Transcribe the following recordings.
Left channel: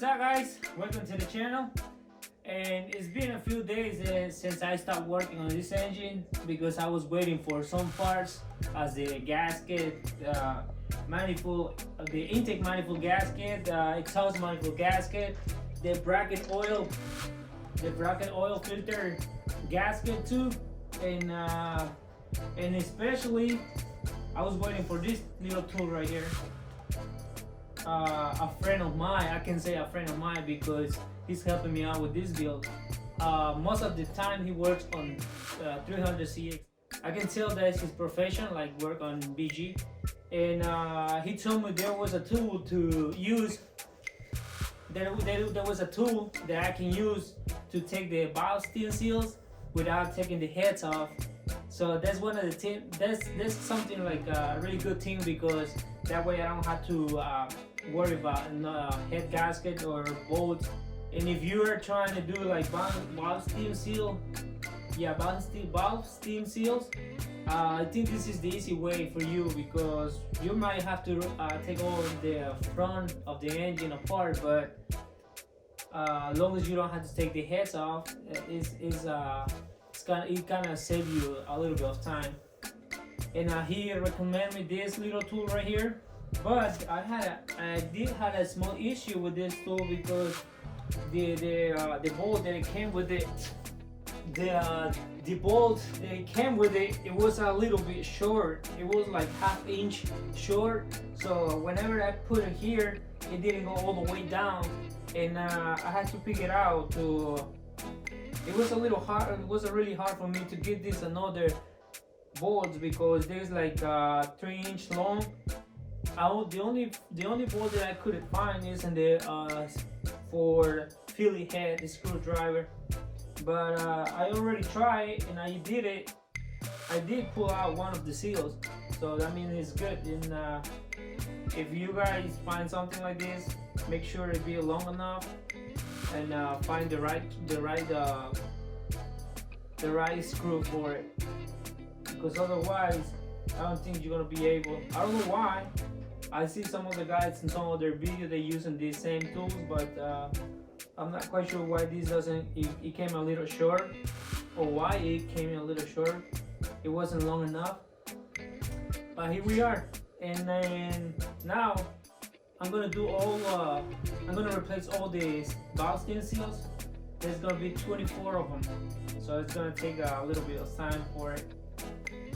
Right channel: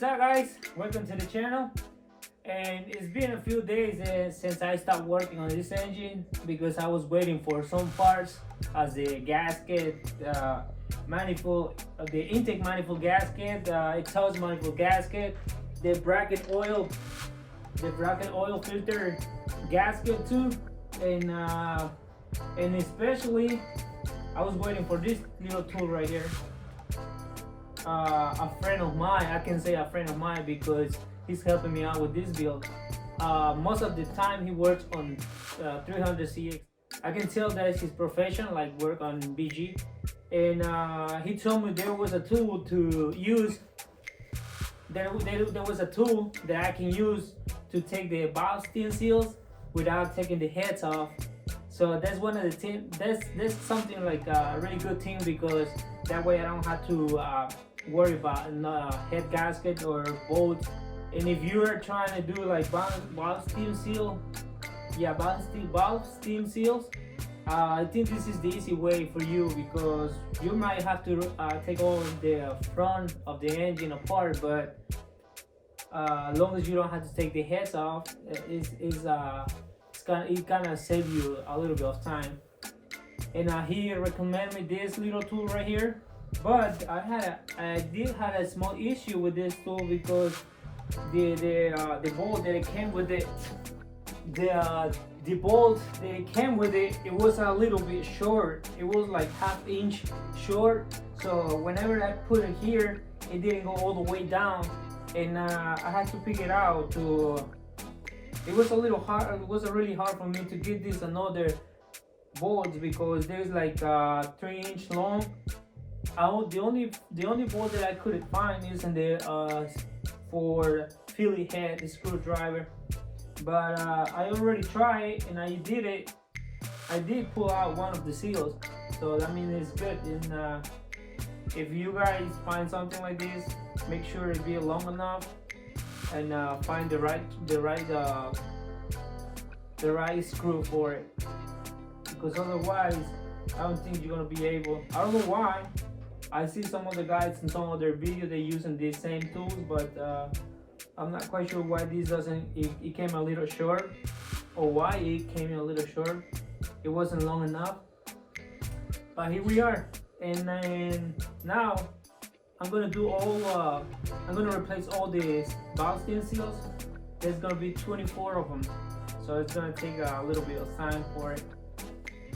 What's up, guys? Welcome to the channel. And it's been a few days since I stopped working on this engine because I was waiting for some parts as the gasket, manifold, the intake manifold gasket, exhaust manifold gasket, the bracket oil filter gasket too, and especially I was waiting for this little tool right here. A friend of mine, I can say a friend of mine because he's helping me out with this build. Most of the time he works on 300CX. I can tell that his profession, like work on VG, and he told me there was a tool to use. There was a tool that I can use to take the valve stem seals without taking the heads off. So that's one of the things. That's something like a really good thing because that way I don't have to worry about head gasket or bolts. And if you are trying to do like valve stem seal, valve stem seals, I think this is the easy way for you because you might have to take all the front of the engine apart, but as long as you don't have to take the heads off, it kind of save you a little bit of time. And he recommended me this little tool right here, but I did have a small issue with this tool because the bolt that it came with it, the bolt that it came with it, it was a little bit short. It was like ½ inch short. So whenever I put it here, it didn't go all the way down, and I had to pick it out. It was a little hard. It was really hard for me to get this another bolts because there's like 3-inch long. The only bolt that I couldn't find is in the for Philly head screwdriver. But I already tried and I did it. I did pull out one of the seals, so that means it's good. And if you guys find something like this, make sure it be long enough and find the right screw for it, because otherwise I don't think you're gonna be able. I don't know why. I see some of the guys in some of their videos they using these same tools, but I'm not quite sure why this doesn't. It came a little short, or why it came in a little short. It wasn't long enough. But here we are, and then now I'm gonna do all. I'm gonna replace all the valve stem seals. There's gonna be 24 of them, so it's gonna take a little bit of time for it.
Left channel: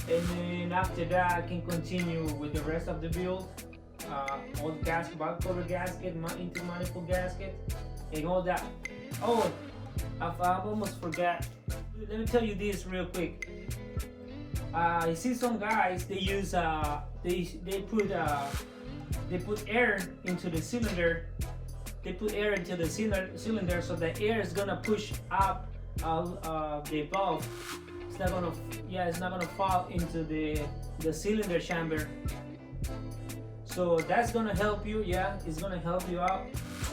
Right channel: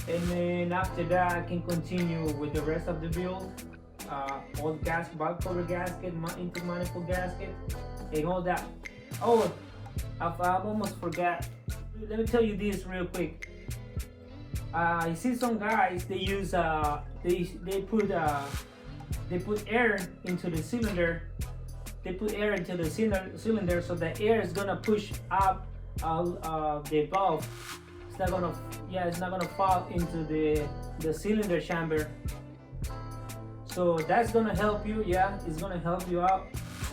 And then after that, I can continue with the rest of the build. All the gasket, valve cover gasket, intake manifold gasket, and all that. Oh, I almost forgot. Let me tell you this real quick. I see some guys, they use they put air into the cylinder. They put air into the cylinder, so the air is gonna push up the valve. It's not gonna fall into the cylinder chamber. So that's gonna help you. Yeah, it's gonna help you out.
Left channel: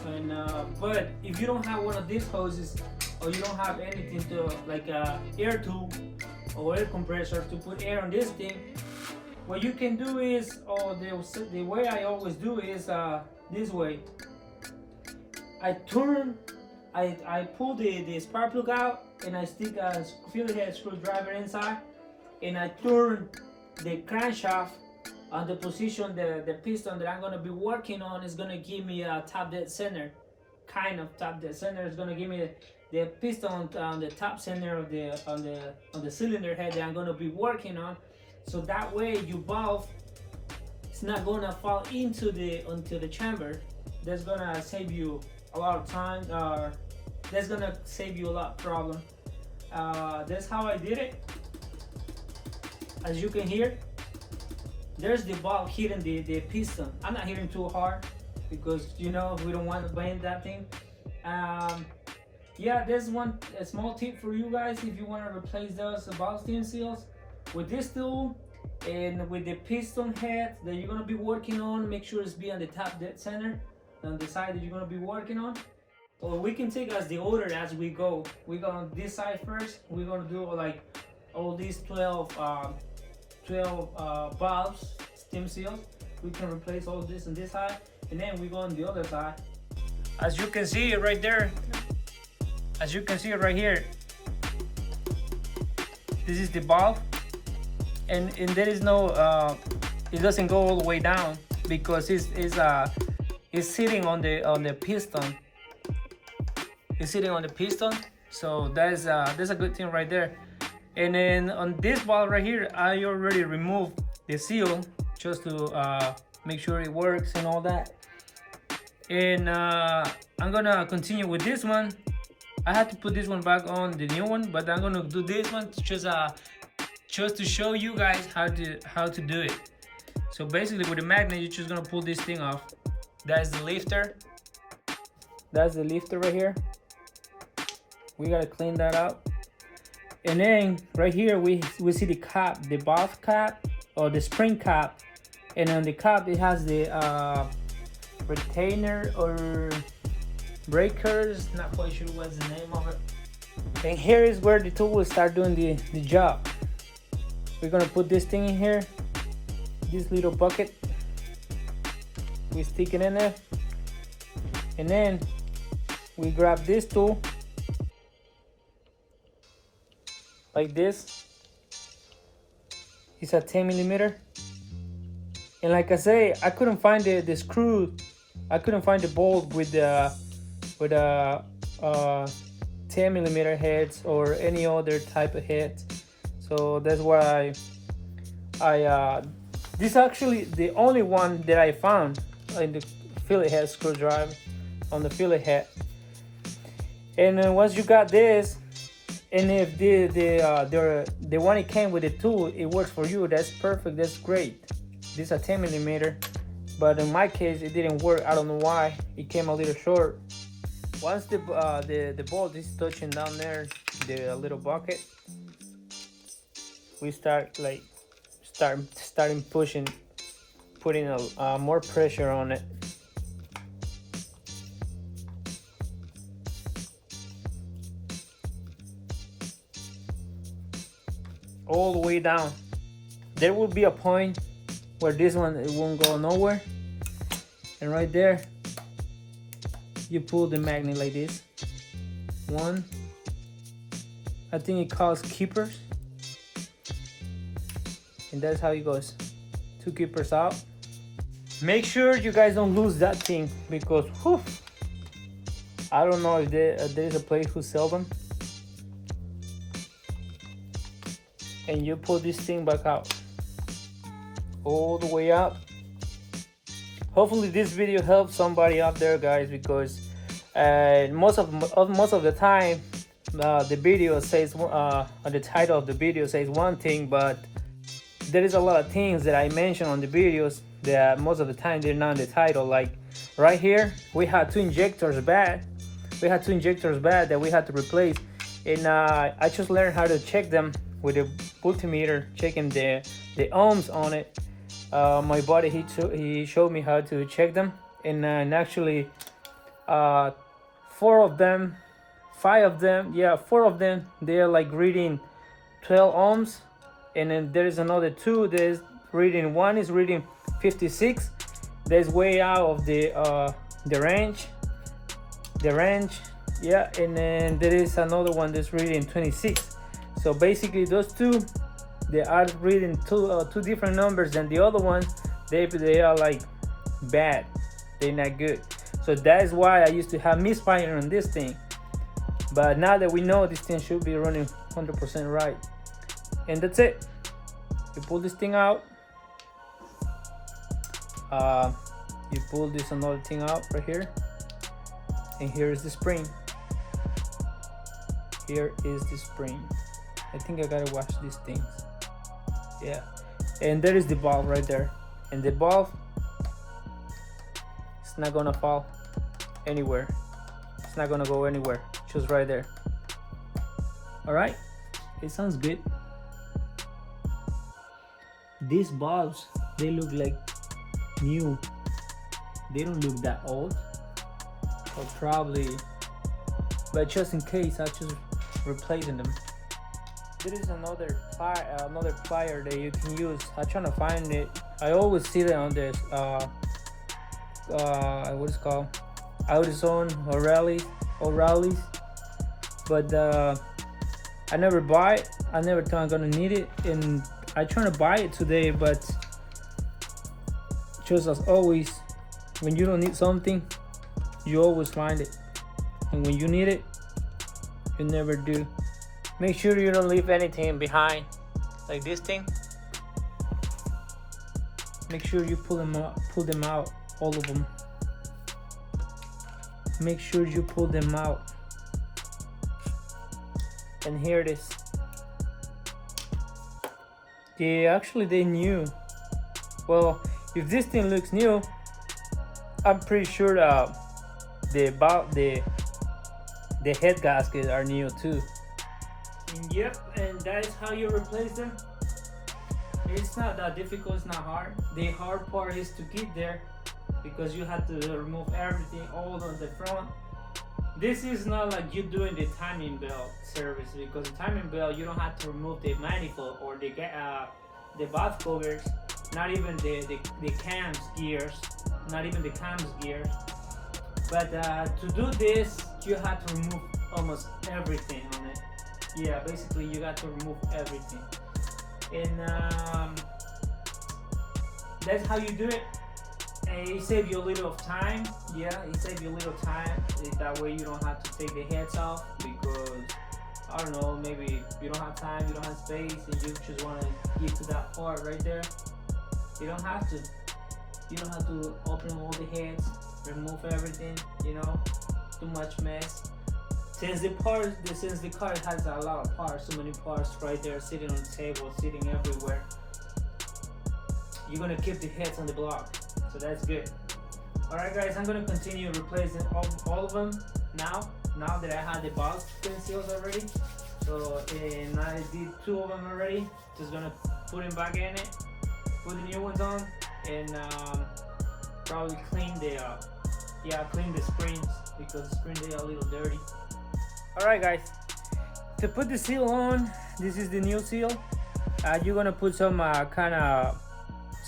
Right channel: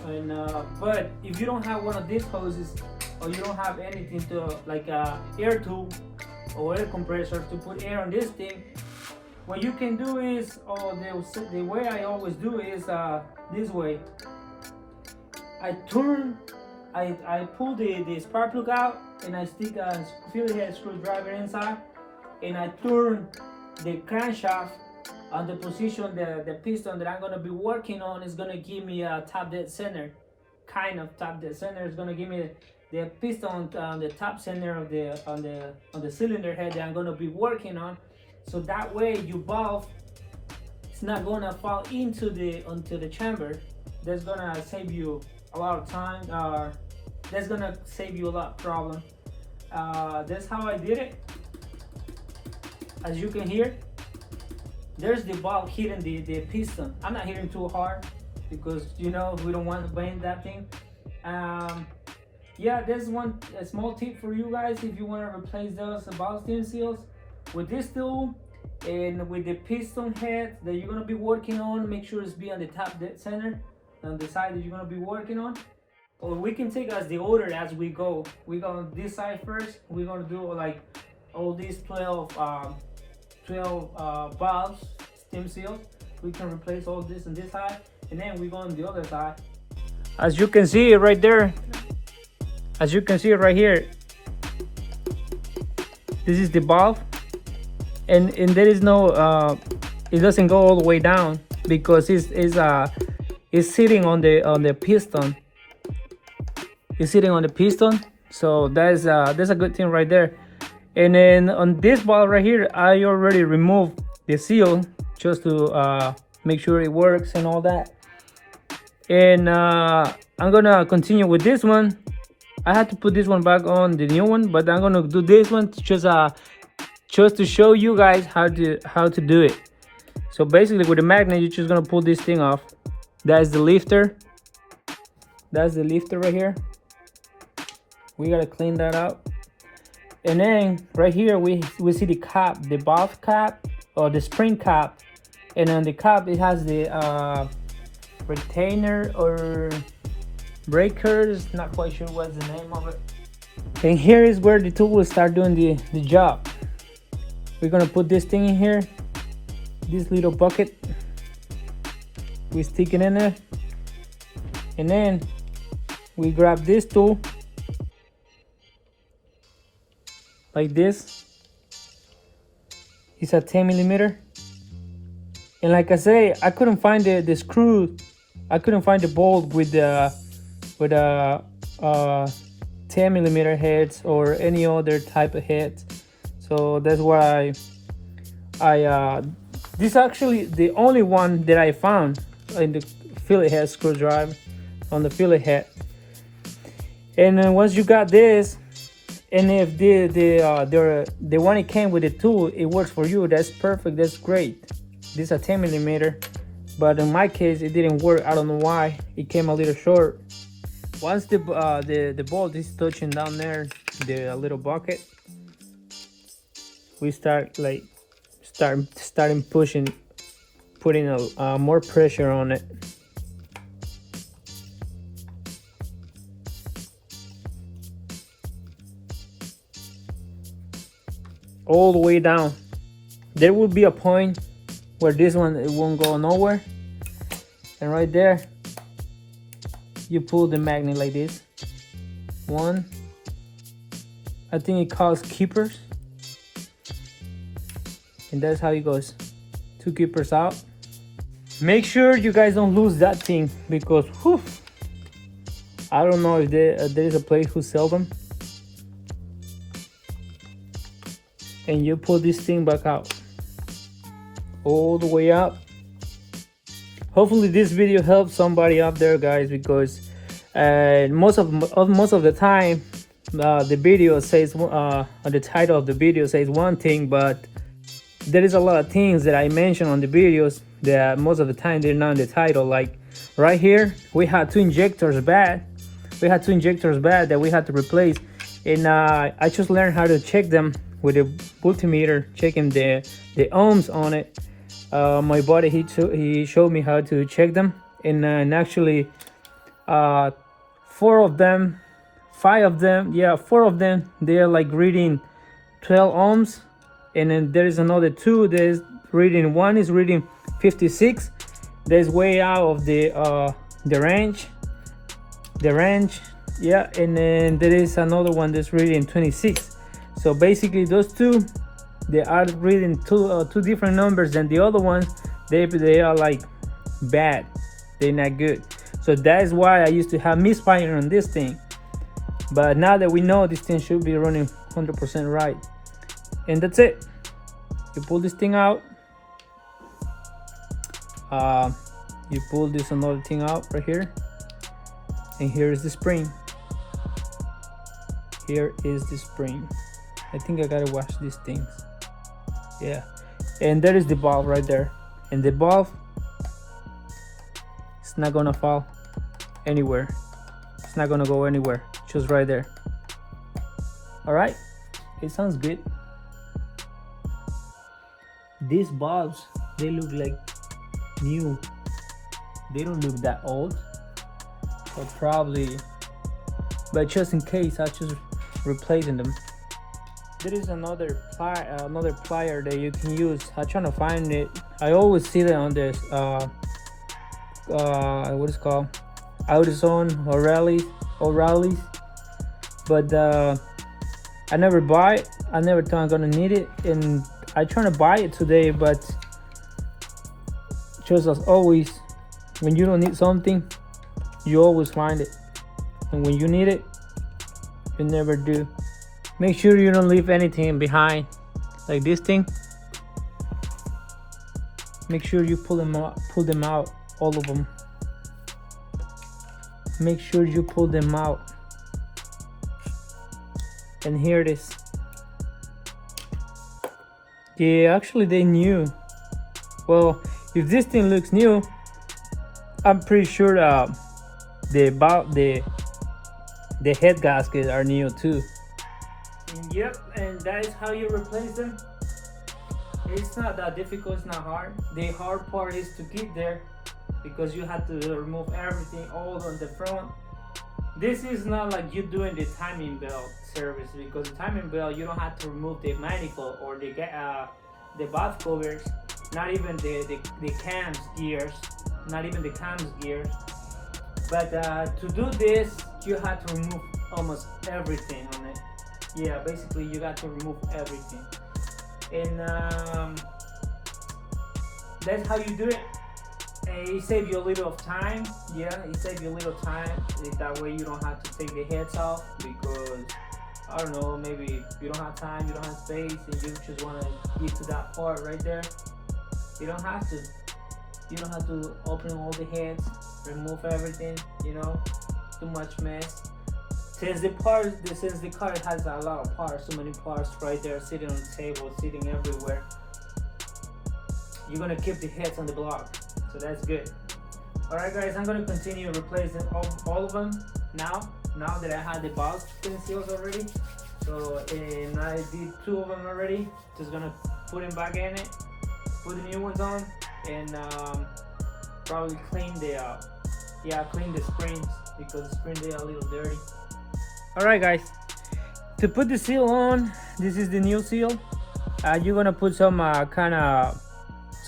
And but if you don't have one of these hoses, or you don't have anything to like air tool or air compressor to put air on this thing, what you can do is, the way I always do is this way. I pull the spark plug out and I stick a Philly head screwdriver inside, and I turn the crankshaft on the position. The piston that I'm gonna be working on is gonna give me a top dead center, kind of top dead center. Is gonna give me the piston on the top center of the cylinder head that I'm gonna be working on. So that way your valve is not gonna fall into the chamber. That's gonna save you a lot of time. That's gonna save you a lot of problem. That's how I did it. As you can hear, there's the valve hitting the piston. I'm not hitting too hard because we don't want to bend that thing. Yeah, there's a small tip for you guys if you want to replace those valve stem seals with this tool, and with the piston head that you're gonna be working on. Make sure it's be on the top dead center, on the side that you're gonna be working on. Or we can take as the order as we go. We go on this side first. We're gonna do like all these 12 valves, stem seals. We can replace all this on this side, and then we go on the other side. as you can see right there, as you can see right here, this is the valve, and there is no it doesn't go all the way down because it's sitting on the piston. It's sitting on the piston, so that's a good thing right there. And then on this valve right here, I already removed the seal just to make sure it works and all that. And I'm gonna continue with this one. I had to put this one back on the new one, but I'm gonna do this one just to show you guys how to do it. So basically, with the magnet, you're just gonna pull this thing off. That's the lifter. That's the lifter right here. We gotta clean that up. And then right here we see the cap, the valve cap or the spring cap, and on the cap it has the retainer or breakers, not quite sure what's the name of it. And here is where the tool will start doing the job. We're gonna put this thing in here, this little bucket. We stick it in there, and then we grab this tool like this. It's a 10mm, and like I say, I couldn't find the screw. I couldn't find the bolt with the 10mm heads or any other type of heads. So that's why I this is actually the only one that I found in the fillet head screwdriver, on the fillet head. And then once you got this, and if the one it came with the tool, it works for you, that's perfect, that's great. This is a 10mm, but in my case it didn't work. I don't know why, it came a little short. Once the bolt is touching down there, the little bucket, we start pushing, putting more pressure on it. All the way down. There will be a point where this one, it won't go nowhere, and right there you pull the magnet like this. One, I think it calls keepers, and that's how it goes. 2 keepers out. Make sure you guys don't lose that thing, because whew, I don't know if there is a place who sell them. And you pull this thing back out, all the way up. Hopefully this video helps somebody out there, guys, because most of the time the video says the title of the video says one thing, but there is a lot of things that I mention on the videos that most of the time they're not in the title. Like right here, we had 2 injectors bad. We had 2 injectors bad that we had to replace, and I just learned how to check them with a multimeter, checking the ohms on it. My buddy, he showed me how to check them, and actually 4 of them, 5 of them, yeah, 4 of them, they're like reading 12 ohms, and then there is another 2 that is reading, one is reading 56. That's way out of the range, yeah. And then there is another one that's reading 26. So basically those 2, they are reading two different numbers than the other ones. They are like bad, they're not good. So that is why I used to have misfire on this thing, but now that we know, this thing should be running 100% right. And that's it. You pull this thing out, you pull this another thing out right here, and here is the spring. Here is the spring. I think I gotta wash these things. Yeah, and there is the valve right there, and the valve, it's not gonna fall anywhere. It's not gonna go anywhere, just right there. All right, it sounds good. These valves, they look like new. They don't look that old, or probably, but just in case, I just replacing them. There is another plier that you can use. I'm trying to find it. I always see it on this what is it called, AutoZone or Rally's, but I never buy it. I never thought I'm gonna need it, and I trying to buy it today, but just as always, when you don't need something, you always find it, and when you need it, you never do. Make sure you don't leave anything behind, like this thing. Make sure you pull them out, all of them. Make sure you pull them out. And here it is. Yeah, actually they new. Well, if this thing looks new, I'm pretty sure the head gaskets are new too. And yep, and that is how you replace them. It's not that difficult, it's not hard. The hard part is to keep there, because you have to remove everything all on the front. This is not like you doing the timing belt service, because the timing belt you don't have to remove the manifold or the valve covers, not even the cams gears, not even the cams gears. But to do this, you have to remove almost everything on it. Yeah, basically you got to remove everything, and that's how you do it. And it saves you a little of time. Yeah, it saves you a little time. That way you don't have to take the heads off, because I don't know, maybe you don't have time, you don't have space, and you just want to get to that part right there. You don't have to. You don't have to open all the heads, remove everything. You know, too much mess. Since the car has a lot of parts, so many parts right there, sitting on the table, sitting everywhere, you're gonna keep the heads on the block, so that's good. All right, guys, I'm gonna continue replacing all of them now that I had the box spin seals already. So, and I did 2 of them already. Just gonna put them back in it, put the new ones on, and probably clean the springs, because the springs are a little dirty. All right, guys, to put the seal on, this is the new seal. You're gonna put some kind of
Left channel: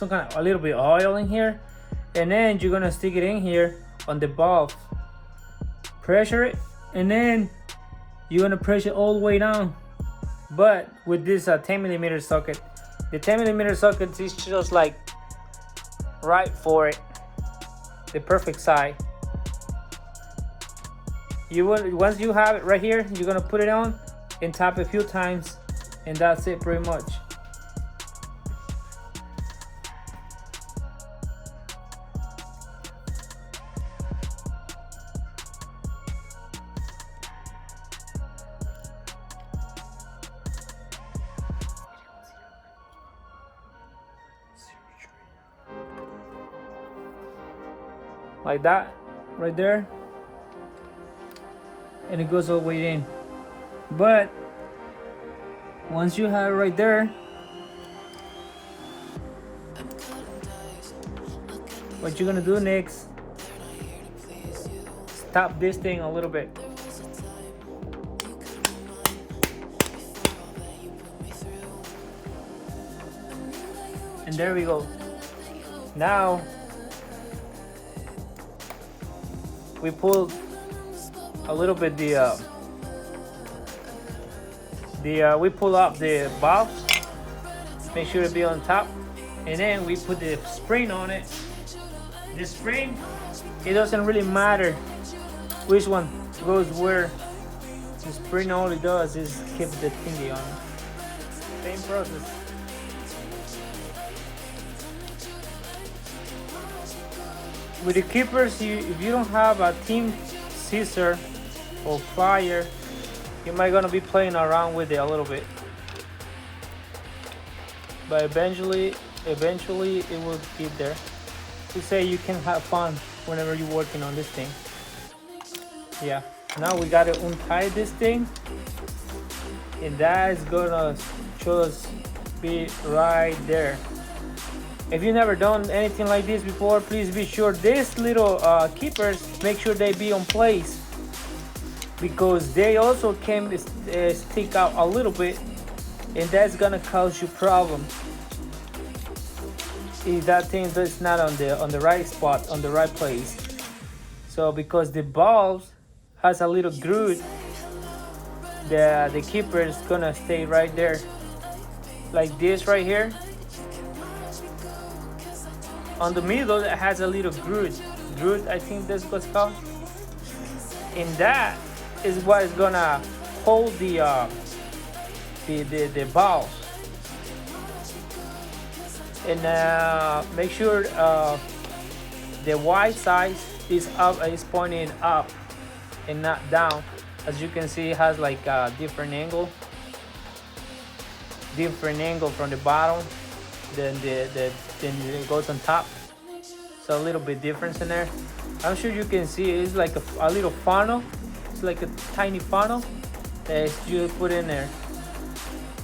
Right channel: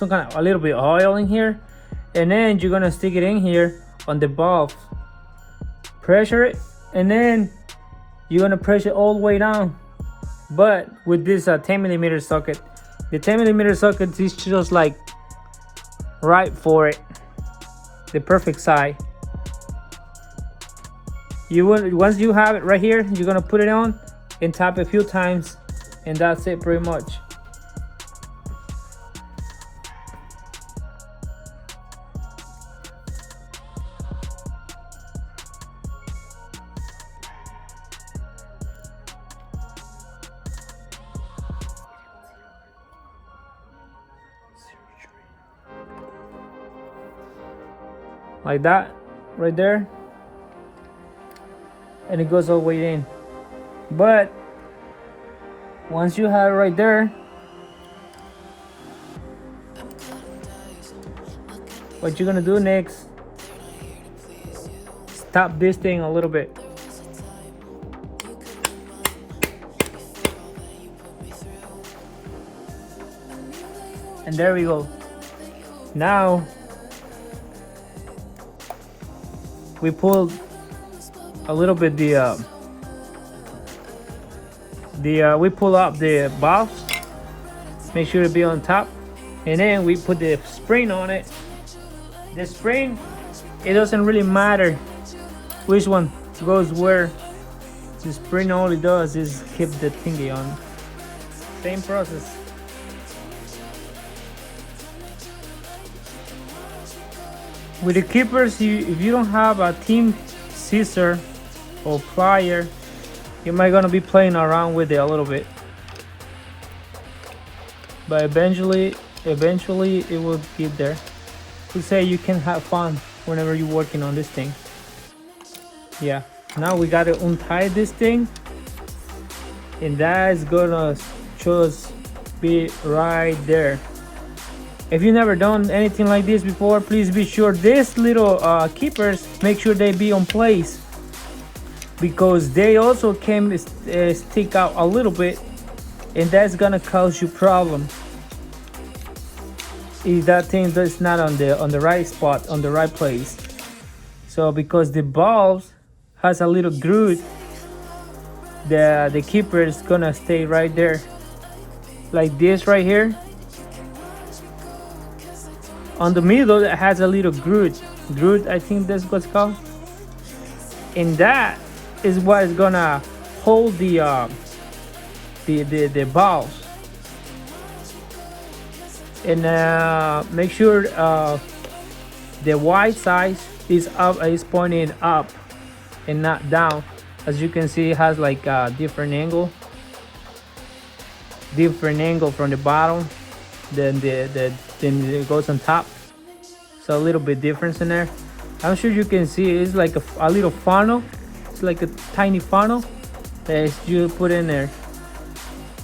a little bit of oil in here, and then you're gonna stick it in here on the valve, pressure it, and then you're gonna press it all the way down. But with this 10mm socket, the 10mm socket is just like right for it, the perfect size. Once you have it right here, you're gonna put it on and tap a few times, and that's it pretty much. Like that, right there. And it goes all the way in. But once you have it right there, what you're gonna do next, stop this thing a little bit. And there we go. Now we pull a little bit we pull up the valve, make sure to be on top, and then we put the spring on it. The spring, it doesn't really matter which one goes where. The spring all it does is keep the thingy on. Same process. With the keepers, if you don't have a team scissor or plier, you might gonna be playing around with it a little bit, but eventually it will get there. To say you can have fun whenever you're working on this thing. Yeah, now we gotta untie this thing, and that is gonna just be right there. If you've never done anything like this before, please be sure these little keepers, make sure they be on place, because they also can stick out a little bit, and that's gonna cause you problems if that thing is not on the right spot, on the right place. So because the valve has a little groove, the keeper is gonna stay right there, like this right here. On the middle, it has a little groove. Groove, I think that's what's called. And that is what is gonna hold the valve. And make sure the white side is pointing up and not down. As you can see, it has like a different angle from the bottom then it goes on top, so a little bit difference in there. I'm sure you can see it's like a little funnel. It's like a tiny funnel that you put in there,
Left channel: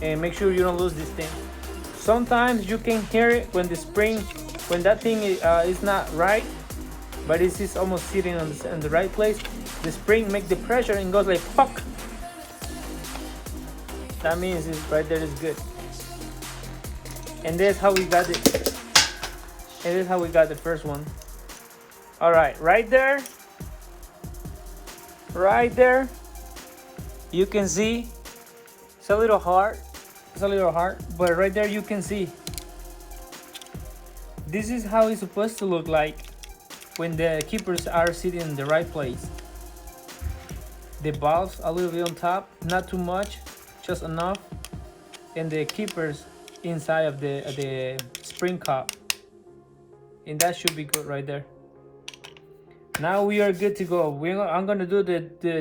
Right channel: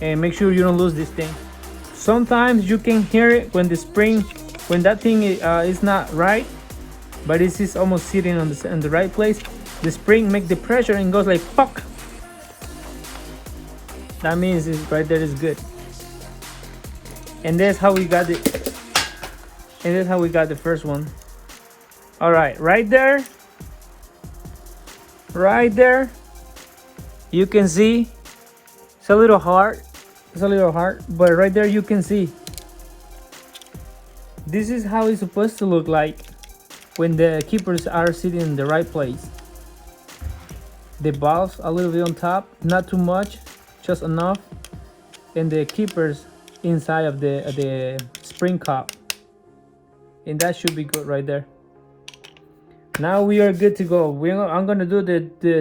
and make sure you don't lose this thing. Sometimes you can hear it when the spring, when that thing is not right, but it's just almost sitting in the right place. The spring make the pressure and goes like fuck. That means it's right there is good. And that's how we got it. And that's how we got the first one. All right, right there, you can see it's a little hard. But right there you can see. This is how it's supposed to look like when the keepers are sitting in the right place. The valves a little bit on top, not too much, just enough, and the keepers inside of the spring cup, and that should be good right there. Now we are good to go. I'm gonna do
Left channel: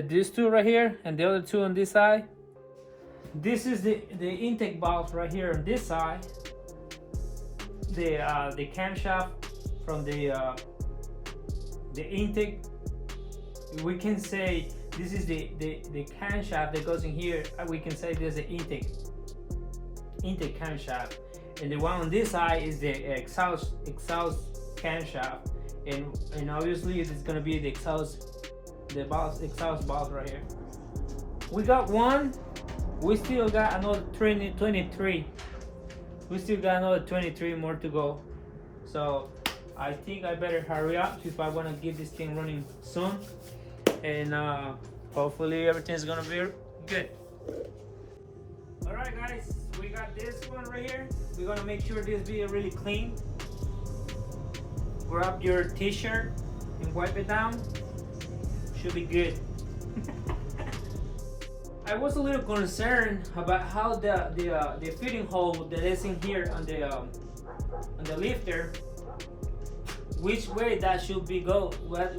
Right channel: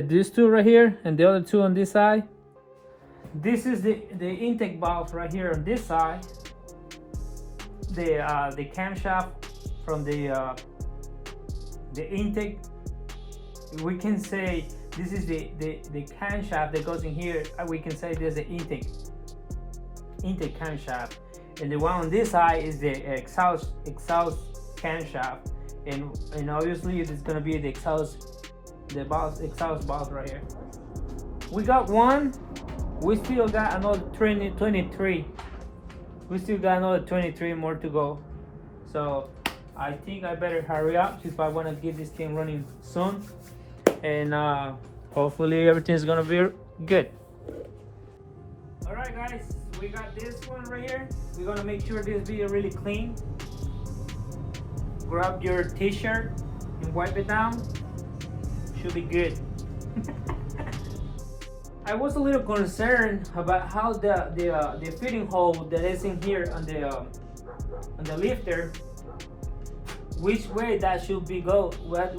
these two right here and the other two on this side. This is the intake valve right here on this side. The camshaft from the intake. We can say this is the camshaft that goes in here. We can say there's an intake camshaft, and the one on this side is the exhaust camshaft, and obviously it's gonna be the exhaust valve right here. We got one. We still got another 23. We still got another 23 more to go. So I think I better hurry up if I want to get this thing running soon, and hopefully everything's gonna be good. All right, guys, we got this one right here. We're gonna make sure this be really clean. Grab your t-shirt and wipe it down. Should be good. I was a little concerned about how the fitting hole that is in here on the lifter, which way that should be go,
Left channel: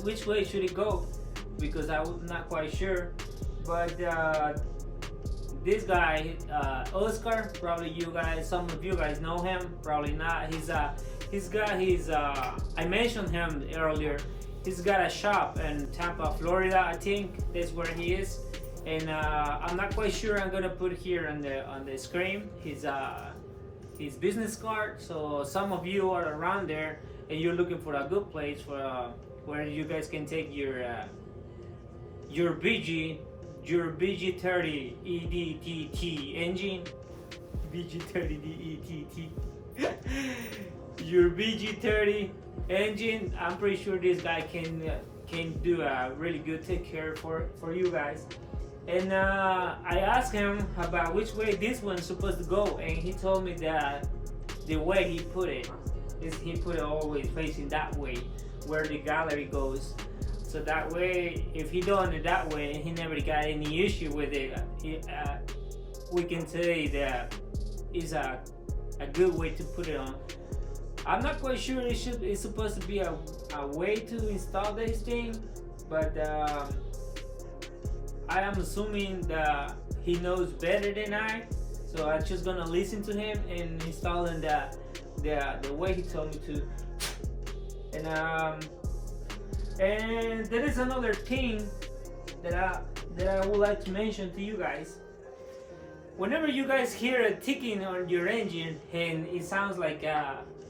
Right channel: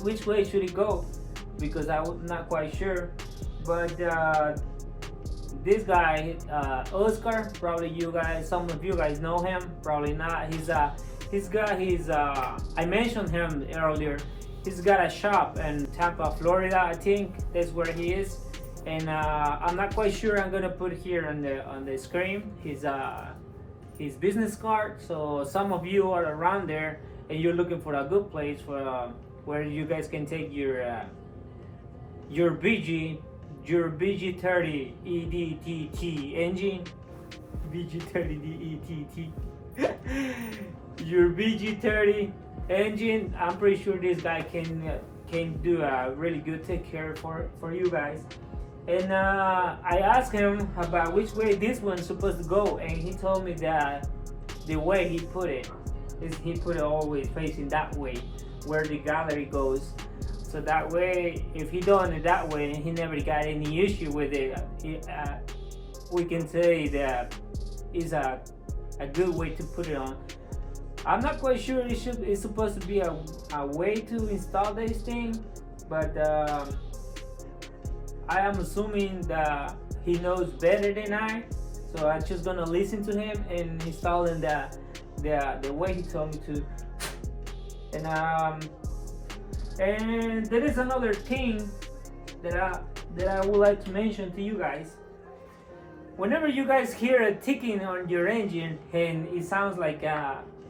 which way should it go, because I was not quite sure. But this guy, Oscar, probably some of you guys know him, probably not. I mentioned him earlier. He's got a shop in Tampa, Florida. I think that's where he is. And I'm not quite sure. I'm gonna put here on the screen his business card. So some of you are around there and you're looking for a good place for where you guys can take your VG30dett engine. VG30dett. Your VG30 engine. I'm pretty sure this guy can do a really good take care for you guys. And I asked him about which way this one's supposed to go, and he told me that the way he put it is he put it always facing that way, where the gallery goes. So that way, if he done it that way and he never got any issue with it, we can say that is a good way to put it on. I'm not quite sure it's supposed to be a way to install this thing, but I am assuming that he knows better than I, so I'm just gonna listen to him and installing the way he told me to. And there is another thing that I would like to mention to you guys. Whenever you guys hear a ticking on your engine and it sounds like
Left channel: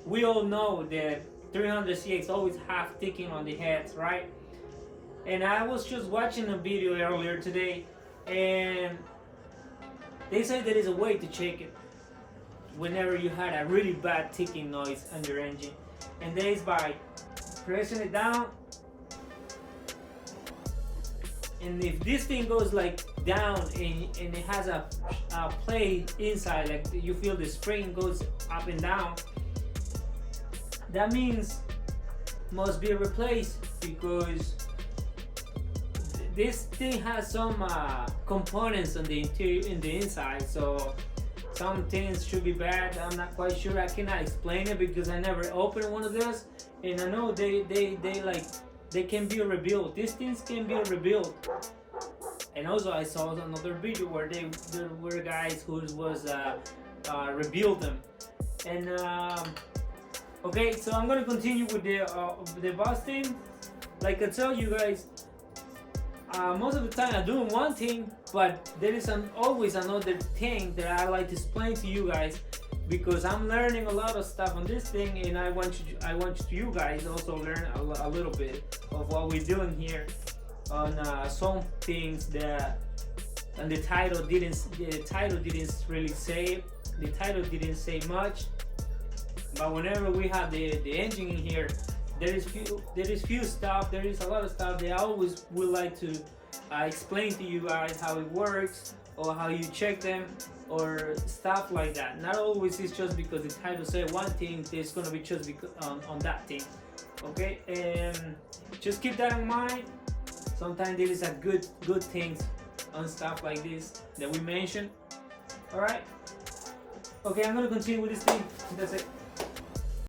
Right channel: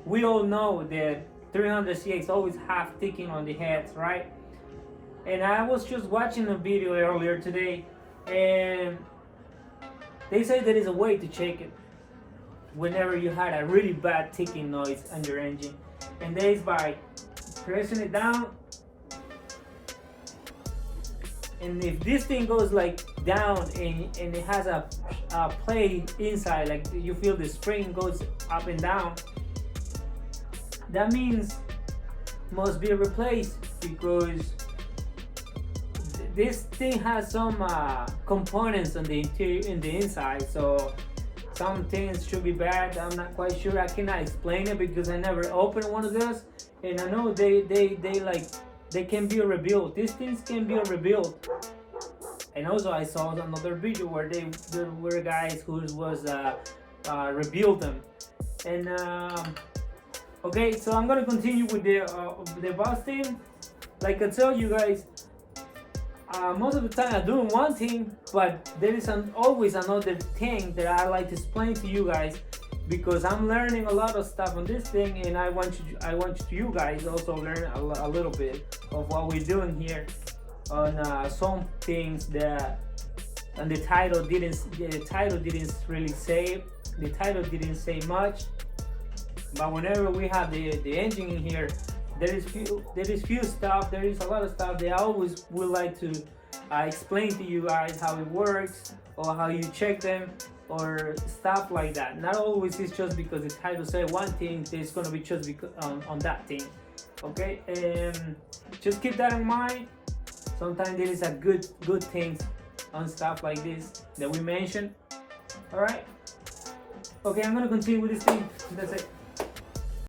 we all know that 300CX always have ticking on the heads, right? And I was just watching a video earlier today, and they say there is a way to check it whenever you had a really bad ticking noise on your engine, and that is by pressing it down And if this thing goes like down and it has a plate inside, like you feel the spring goes up and down, that means must be replaced, because this thing has some components on the interior, in the inside. So some things should be bad. I'm not quite sure. I cannot explain it because I never opened one of those, and I know they can be rebuilt. These things can be rebuilt. And also I saw another video where there were guys who was rebuild them. And okay, so I'm gonna continue with the busting. Like I tell you guys, most of the time I'm doing one thing, but there is always another thing that I like to explain to you guys, because I'm learning a lot of stuff on this thing, and I want you guys also learn a little bit of what we're doing here on some things that, and the title didn't really say. The title didn't say much, but whenever we have the engine in here, there is few stuff. There is a lot of stuff that I always would like to explain to you guys how it works, or how you check them, or stuff like that. Not always it's just because the title say one thing, it's gonna be just because on that thing. Okay, just keep that in mind. Sometimes there is a good things on stuff like this that we mentioned. All right. Okay, I'm gonna continue with this thing. That's it.